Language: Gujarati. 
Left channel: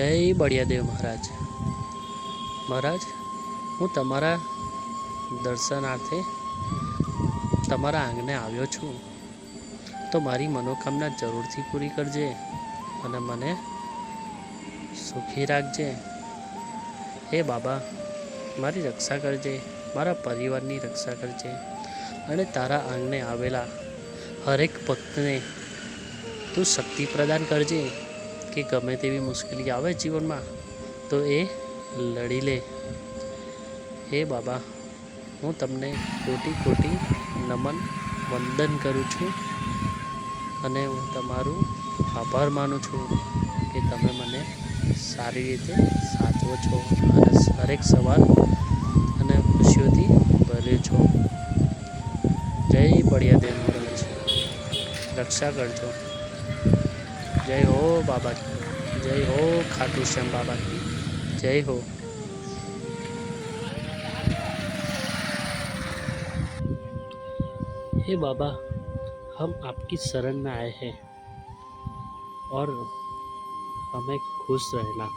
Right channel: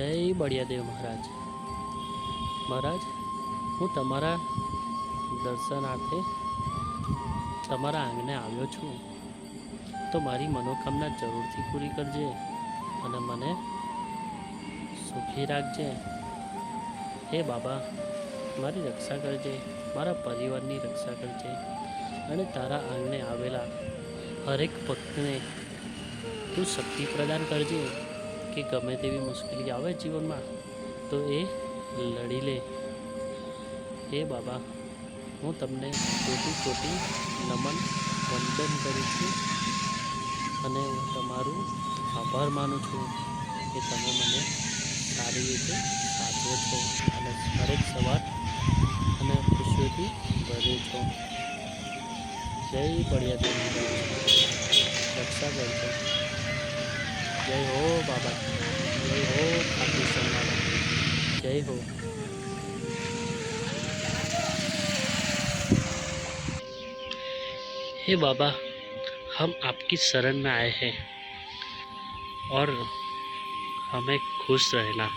જય બળિયાદેવ મહારાજ. મહારાજ, હું તમારા દર્શનાર્થે તમારા આંગણે આવ્યો છું, તો મારી મનોકામના જરૂરથી પૂરી કરજે અને મને સુખી રાખજે. હે બાબા, મારી રક્ષા કરજે, મારા પરિવારની રક્ષા કરજે અને તારા આંગણે આવેલા હરેક ભક્તને તું શક્તિ પ્રદાન કરજે કે ગમે તેવી મુશ્કેલી આવે જીવનમાં તો એ લડી લે. હે બાબા, હું તમને કોટી કોટી નમન વંદન કરું છું અને હું તમારું આભાર માનું છું કે તમે મને સારી રીતે સાચવો છો અને હરેક સવાલ અને ખુશીઓથી ભર્યું છો. જય બળિયાદેવ મહારાજ, રક્ષા કરજો. જય હો બાબા, જય हो खाटू श्याम बाबा, जय हो. हे बाबा, हम आपकी शरण में आए हैं और हमें खुश रहना.